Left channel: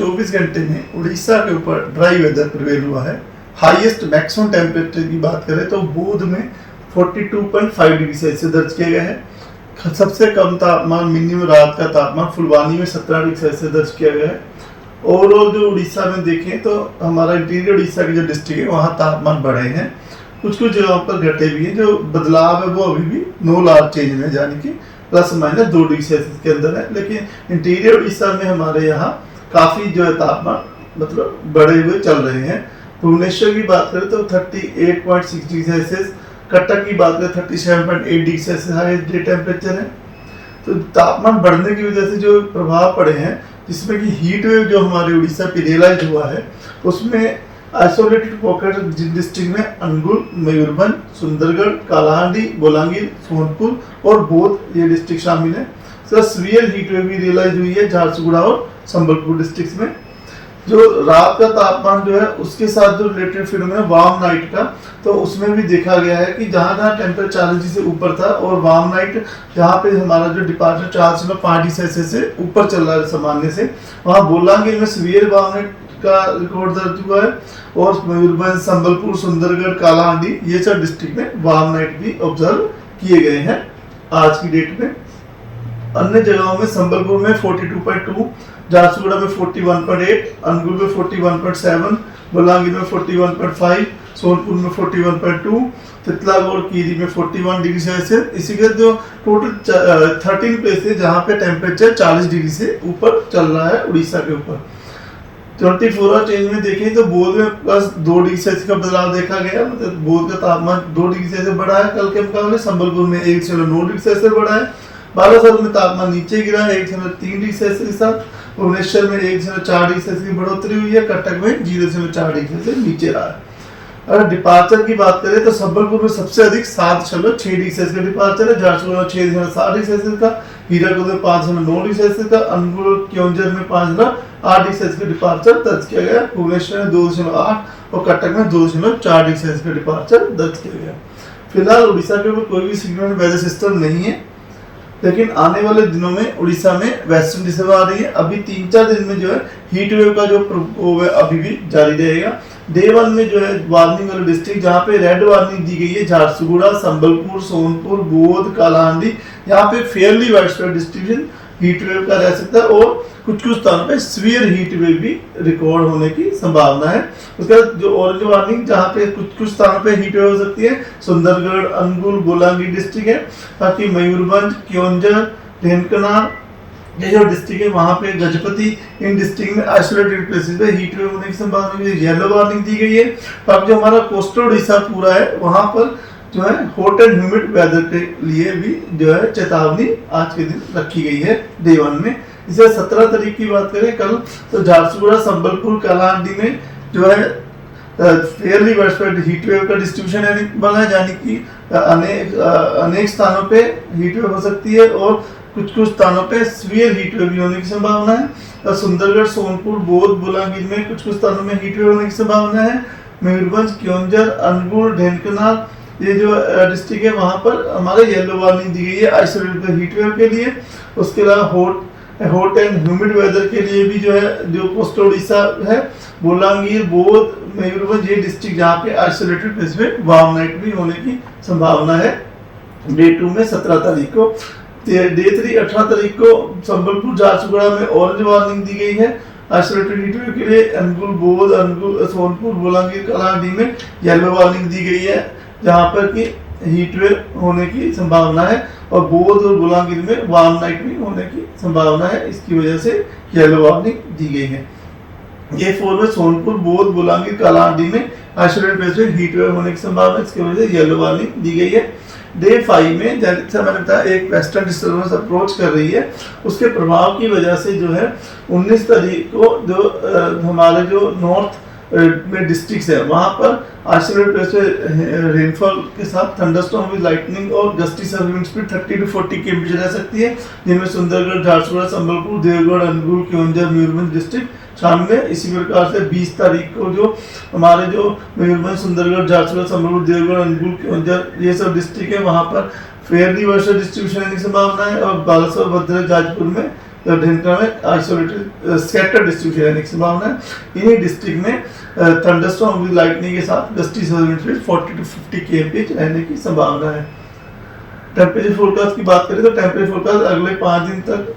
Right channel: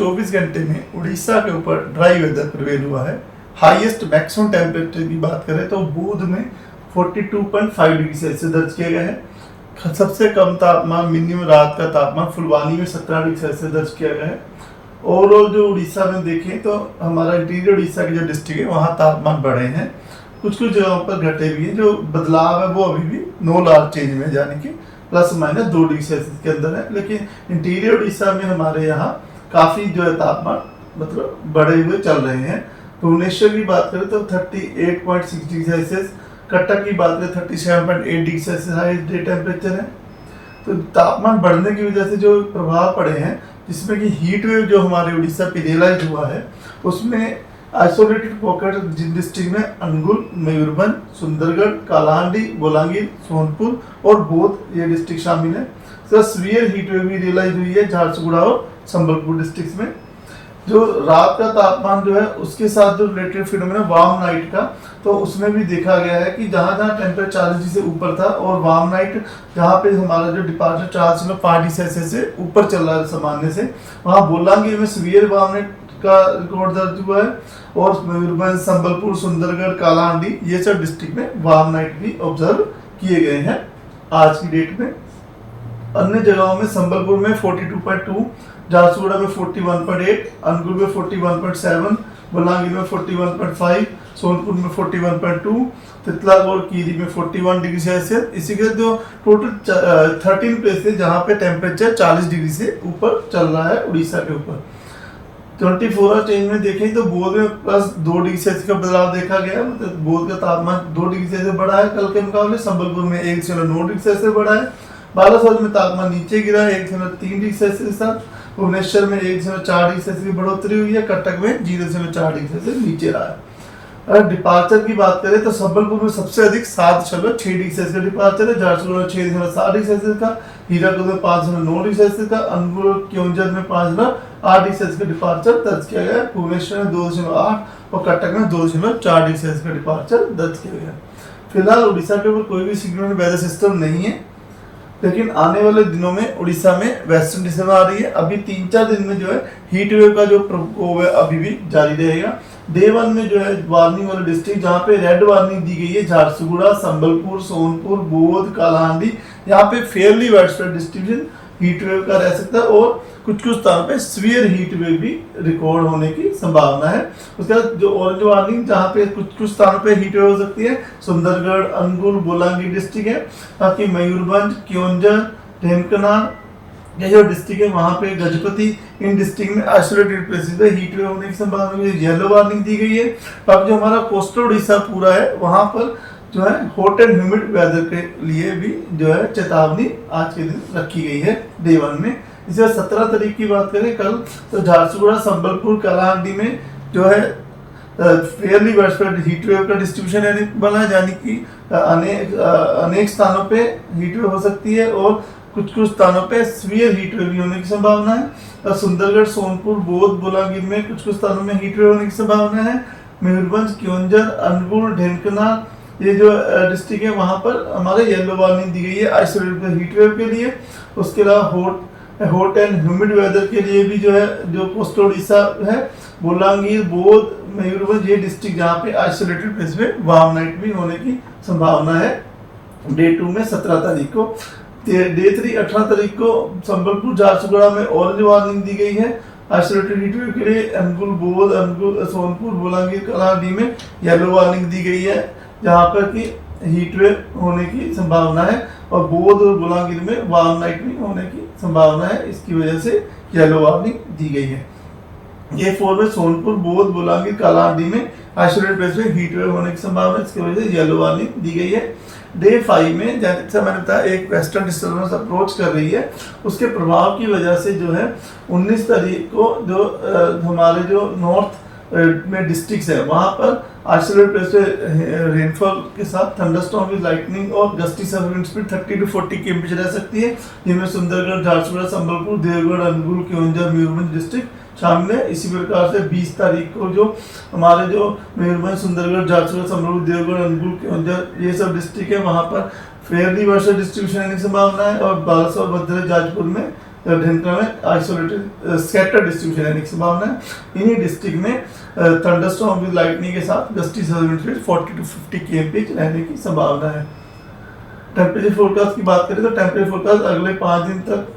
24 घंटे में उड़ीसा के ऊपर ड्राई वेदर प्रिवेल हुआ है। हाईएस्ट मैक्सिमम टेम्परेचर की बात करें तो बोध में 42.5 डिग्री सेल्सियस दर्ज किया गया है। सबसे कम तापमान मिनिमम रात का तापमान फुलवानी में 17 डिग्री सेल्सियस दर्ज किया गया है। ओवरऑल जो उड़ीसा में देखें तो हमारा इंटीरियर उड़ीसा के जो डिस्ट्रिक्ट है वहाँ तापमान बढ़े हैं, कुछ कुछ जगहों पर घटे भी हैं। जो बदलाव है वो अभी भी नो लार्ज चेंज में, यानी कि ±2 डिग्री सेल्सियस के अंदर है। लेकिन इंटीरियर उड़ीसा में हमारे यहाँ काफ़ी जो है तापमान मतलब बढ़े हुए चल रहे हैं। भुवनेश्वर की बात करें तो 38.6 डिग्री सेल्सियस, कटक की बात करें 37.8 degree Celsius highest day temperature है। तो तापमान बढ़ने की वजह से जो प्रभाव पड़े हैं, जिसमें कि हीट वेव जो हमारे उड़ीसा पे रियलाइज हुआ है, उसमें आइसोलेटेड पॉकेट जिन डिस्ट्रिक्ट में अनुगुल, मयूरभंज, सुंदरगढ़, कालाहांडी, बोलांगीर, सोनपुर और बोध ये डिस्ट्रिक्ट शामिल है। सर सीवियर हीट वेव भी रियलाइज हुई है झारसुगुड़ा और संबलपुर डिस्ट्रिक्ट में। जो रात का तापमान जो है उसके साथ जो रिलेटेड फिनोमेना वार्म नाइट का, तो उसमें भी देखा गया है कि जहाँ जहाँ टेम्परेचर 40 डिग्री से ऊपर था और वार्म नाइट जहाँ पे हमारा जो डिपार्चर 4.5 डिग्री सेल्सियस से ऊपर चल रहा है सामान्य से, वहाँ बोलांगीर में सीवियर वार्म नाइट का रिकॉर्ड दर्ज हुआ है। और मयूरभंज, संबलपुर, सुंदरगढ़, कालाहांडी ये सब डिस्ट्रिक्ट में वार्म नाइट भी ऑब्जर्व किए गए हैं आज की डेट में। अन्य जगहों में संबलपुर में 42.2, झारसुगुड़ा में 41.8, अनुगुल में 41.7, बोलांगीर में 41.5, सोनपुर में 41.2, तितलागढ़ कीरी में 41 डिग्री सेल्सियस। इसी के जो टोटल 13 प्लेस है जहाँ पे टेम्परेचर 40 डिग्री से ऊपर चल रहा है उड़ीसा के ऊपर। 24 आवर चेंज में देखें तो बोध में +2 डिग्री सेल्सियस का बदलाव देखा गया। मतलब बोध का तापमान 2 डिग्री सेल्सियस बढ़ा है कल के मुकाबले। संबलपुर में 1.9 डिग्री सेल्सियस बढ़ा है। बालासोर में तापमान नीचे गिरा है 1.3 डिग्री सेल्सियस के साथ। भुवनेश्वर में 1.4 डिग्री सेल्सियस की बढ़ोतरी हुई है। कटक में 0.4 डिग्री सेल्सियस नीचे रहा है। अगर डिपार्चर की बात करें तो संबलपुर में सबसे अधिक 7.6 डिग्री सेल्सियस का डिपार्चर है। झारसुगुड़ा में 6.7 डिग्री सेल्सियस का, हीराकुद में 5.9 डिग्री सेल्सियस का, अनुगुल क्योंझर में 5.8 डिग्री सेल्सियस का डिपार्चर दर्ज किया गया। भुवनेश्वर में 2.8 और कटक में 2.4 डिग्री सेल्सियस का डिपार्चर दर्ज किया गया। फिलहाल उड़ीसा के ऊपर कोई भी सिग्निफिकेंट वेदर सिस्टम नहीं है, लेकिन आने वाले दिनों में उड़ीसा में वेस्टर्न डिस्टर्बेंस आ रही है। अभी 3-4 दिन में जो है हीट वेव का जो प्रकोप है अभी भी जारी रहेगा। डे 1 में जो है वार्निंग वाले डिस्ट्रिक्ट जहाँ पे रेड वार्निंग दी गई है, झारसुगुड़ा, संबलपुर, सोनपुर, बोध, कालाहांडी, यहाँ पे Fairlie widespread distribution heat wave का रह सकता है और कुछ कुछ स्थानों पे सीवियर हीट वेव भी रिकॉर्ड होने की संभावना है। उसके बाद जो ऑरेंज वार्निंग जहाँ पे कुछ कुछ स्थानों पे हीट वेव हो सकती है, सुंदरगढ़, अनुगुल, बोलांगीर डिस्ट्रिक्ट है। बाकी मयूरभंज, क्योंझर, ढेंकनाल ये जो डिस्ट्रिक्ट है वहाँ पे गजपति, इन डिस्ट्रिक्ट में आइसोलेटेड प्लेसेस पे हीट वेव होने की संभावना है। येलो वार्निंग दी गई है। अब जो हमारा कोस्टल उड़ीसा पूरा है वहाँ पर जो है हॉट एंड ह्यूमिड वेदर के लिए भी जो है चेतावनी आज के दिन रखी गई है डे 1 में। इसे 17 तारीख की बात करें कल, तो झारसुगुड़ा, संबलपुर, कालाहांडी में जो है फेयरली वाइडस्प्रेड हीट वेव का डिस्ट्रीब्यूशन बना है, यानी कि अनेक स्थानों पे हीट वेव हो सकती है और कुछ कुछ स्थानों पे सीवियर हीट वेव भी होने की संभावना है। सुंदरगढ़, सोनपुर, बोध, बोलांगीर में कुछ कुछ स्थानों में हीट वेव होने की संभावना है। मयूरभंज, क्योंझर, अनुगुल, ढेंकनाल ये जो डिस्ट्रिक्ट है वहाँ पर हमारे येलो वार्निंग दी गई है आइसोलेटेड हीट वेव के लिए। उसके अलावा हॉट एंड ह्यूमिड वेदर के लिए भी जो है जो कोस्टल उड़ीसा है, बोलांगीर, बोध, मयूरभंज ये डिस्ट्रिक्ट जहाँ पे आइसोलेटेड प्लेस में वार्म नाइट भी होने की संभावना है डे 2 में 17 तारीख को। डे 3 18 तारीख को संबलपुर, झारसुगुड़ा में ऑरेंज वार्निंग दी गई है आइसोलेटेड हीट वेव के लिए। अनुगुल, बोध, अनुगुल, सोनपुर, बोलांगीर, कालाहांडी में येलो वार्निंग दी गई है जहाँ पर कि हीट वेव होने की संभावना है और बोध और बोलांगीर में वार्म नाइट भी होने की संभावना है। इसकी वजह से येलो वार्निंग दी गई है। ये 4 में सोनपुर, बोध, बोलांगीर, कालाहांडी में आइसोलेटेड प्लेस में हीट वेव होने की संभावना है, इसकी वजह से येलो वार्निंग दी गई है। डे 5 में जैसा मैंने बताया एक वेस्टर्न डिस्टर्बेंस अप्रोच कर रही है, उसके प्रभाव की वजह से जो है 19 तारीख को जो हमारे जो नॉर्थ में डिस्ट्रिक्ट्स है वहाँ पर आइसोलेटेड प्लेस पे रेनफॉल के साथ थंडरस्टॉर्म विद लाइटनिंग और gusty serving speed 30 to 40 kilometre रह सकती है, जिनमें सुंदरगढ़, झारसुगुड़ा, संबलपुर, देवगढ़, अनुगुल, क्योंझर, मयूरभंज डिस्ट्रिक्ट शामिल है। इसी प्रकार से 20 तारीख को जो हमारे जो मयूरभंज, सुंदरगढ़, झारसुगुड़ा, संबलपुर, देवगढ़, अनुगुल, क्योंझर ये सब डिस्ट्रिक्ट है वहाँ पर फेयरली वर्षा डिस्ट्रीब्यूशन की संभावना है और बालासोर, भद्रक, जाजपुर में ढेंकरा में आइसोलेटेड स्कैटर्ड डिस्ट्रीब्यूशन रहने की संभावना है। इन्हीं डिस्ट्रिक्ट में थंडरस्टॉर्म विद लाइटनिंग के साथ गस्टी सर्विस 40 to 50 kmph रहने की संभावना है। टेम्परेचर फोरकास्ट की बात करें तो टेम्परेचर फोरकास्ट अगले 5 दिन तक